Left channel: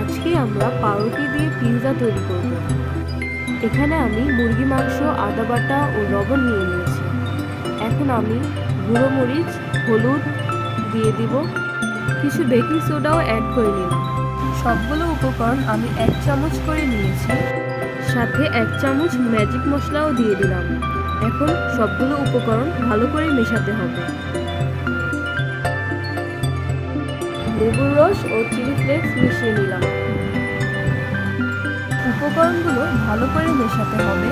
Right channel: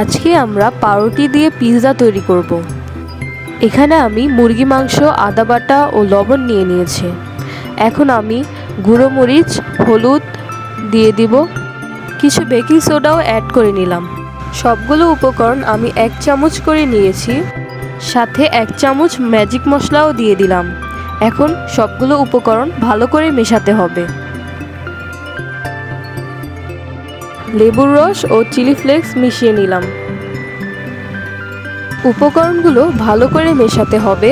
আজকে আমরা পাউরুটি দিয়ে পিৎজা তৈরি করব। এখানে আমি মুরগি মাংস, আদা বাটা ও লবণ নিয়ে নিয়েছি। এখন আমি গুঁড়ো মরিচ, হলুদ দিয়ে দিব, কিছু বেকিং সোডাও অ্যাড করে নিলাম। সবগুলো উপকরণ আমি 1 চামচ করে নিয়েছি, সাথে 1 চামচ ম্যাজিক মশলাও দিয়ে দিলাম। এখন সবগুলো উপকরণ ভালো করে মেশাতে হবে। লেবুর রস ও চিলি ফ্লেক্স মিশিয়ে নিলাম। উপকরণগুলো ভালো করে মেশাতে হবে।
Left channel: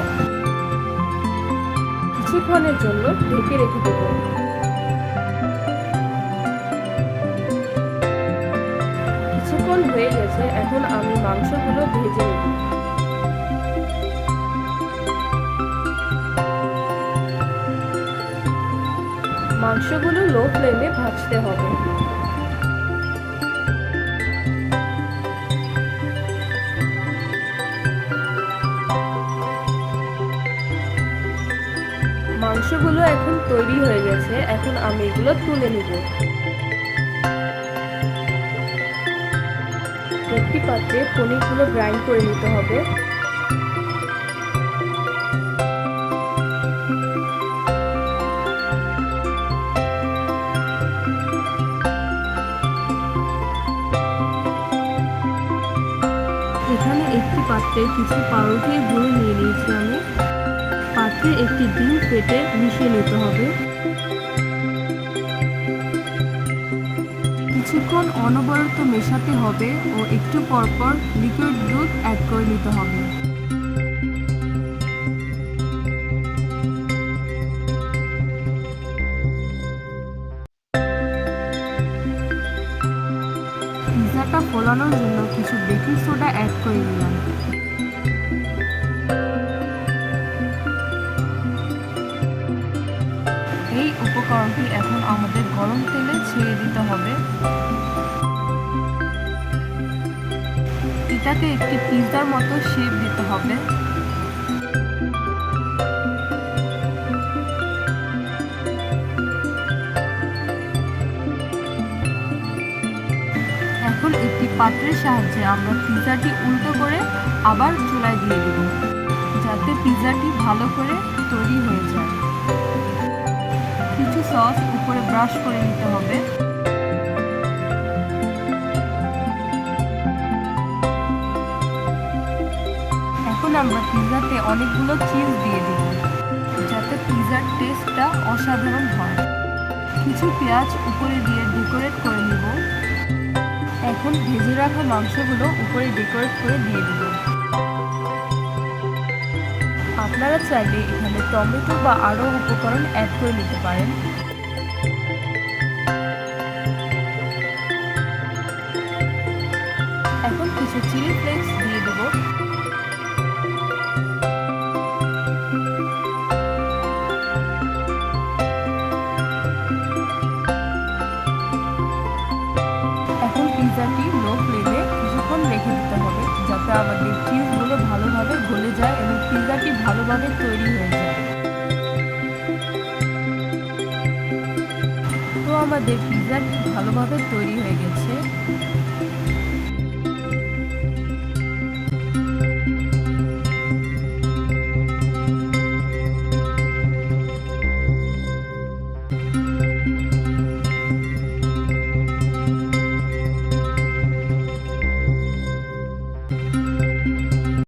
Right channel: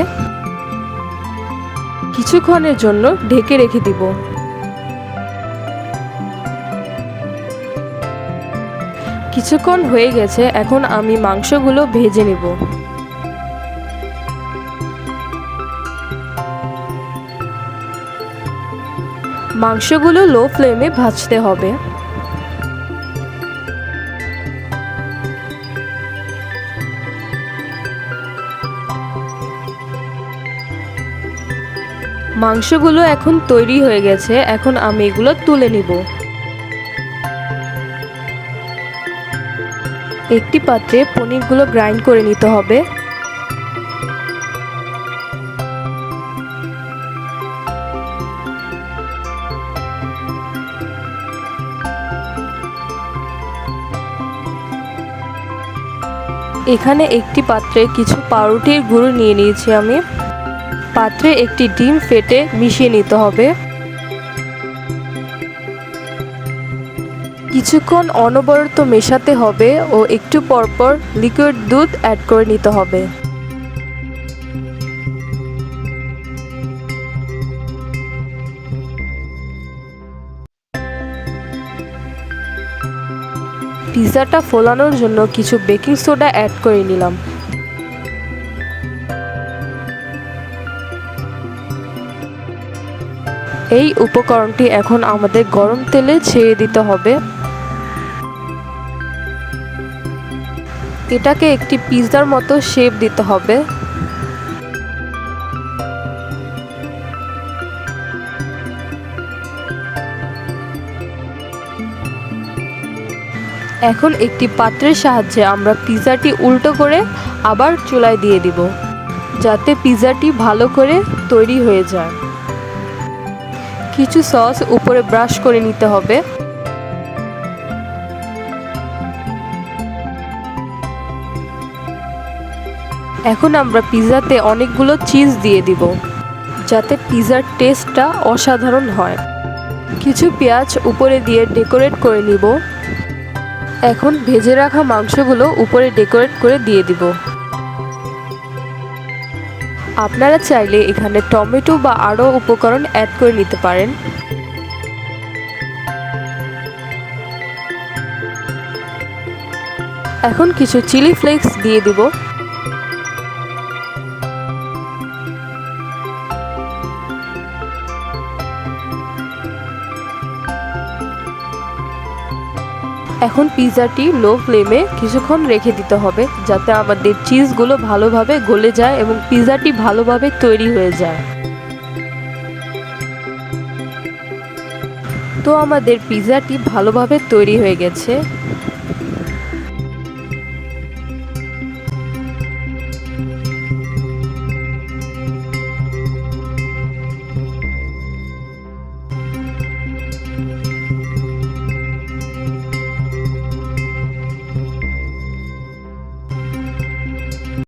কিছুক্ষণের জন্য ঢেকে রেখে দিব। কিছুক্ষণ হয়ে গেছে, এখন আমি মাংসগুলো ভেজে নেব। মাংসগুলো লো ফ্লেমে ভাজতে হবে। মাংসগুলো এখন তৈরি হয়ে গেছে, এখন আমি এগুলো তুলে নিব। একটি পাত্রে পনিরগুলো গ্রাইন্ড করে নিতে হবে। এখানে একটি পাত্রে কিছু পাউরুটির গুঁড়ো নিয়ে নিয়েছি আমি। পাত্রে একটি ডিম ফেটে মিশিয়ে নিতে হবে। কিছুক্ষণ অনবরত মেশাতে হবে ও একটু পরপর লিকুইড দুধ অ্যাড করে নিতে হবে। পিৎজাটা ফোলানোর জন্য কিছু বেকিং সোডা অ্যাড করে নিলাম। এই উপকরণটি এখন আমাদের গরম তেলে ছেড়ে দিতে হবে। এটাকে একটি পিৎজার মতো শেপ দিতে হবে। এখন একটি পাত্রের সাহায্যে আমরা পিৎজাটি উল্টো করে আবার চুলায় দিয়ে দিব, যাতে পিৎজাটি ভালো করে তৈরি হয়ে যায়। কিছু সস উপরে ব্রাশ করে নিতে হবে। এখন আমরা পিৎজাতে অনেকগুলো চিজ দিয়ে দিব, যাতে পিৎজার টেস্টটা অসাধারণ হয়। কিছু পেঁয়াজ উপরে দিয়ে ডেকোরেট করে নিব। এখন ভেজে রাখা মাংসগুলো উপরে ডেকোরেট করে দিয়ে দিব। আপনারা চাইলে এখানে টমেটো বা আরও উপকরণ অ্যাড করে নিতে পারেন। এখন কিছু চিলি ফ্লেক্স দিয়ে দিব। এখন পিৎজাটি লো ফ্লেমে কিছুক্ষণ রেখে দিতে হবে, যাতে আমাদের চিজগুলো ভালোভাবে গলে যায় এবং পিৎজাটি ভালোভাবে তৈরি হয়ে যায়। তো আমাদের পিৎজাটি ভালোভাবে তৈরি হয়ে গেছে।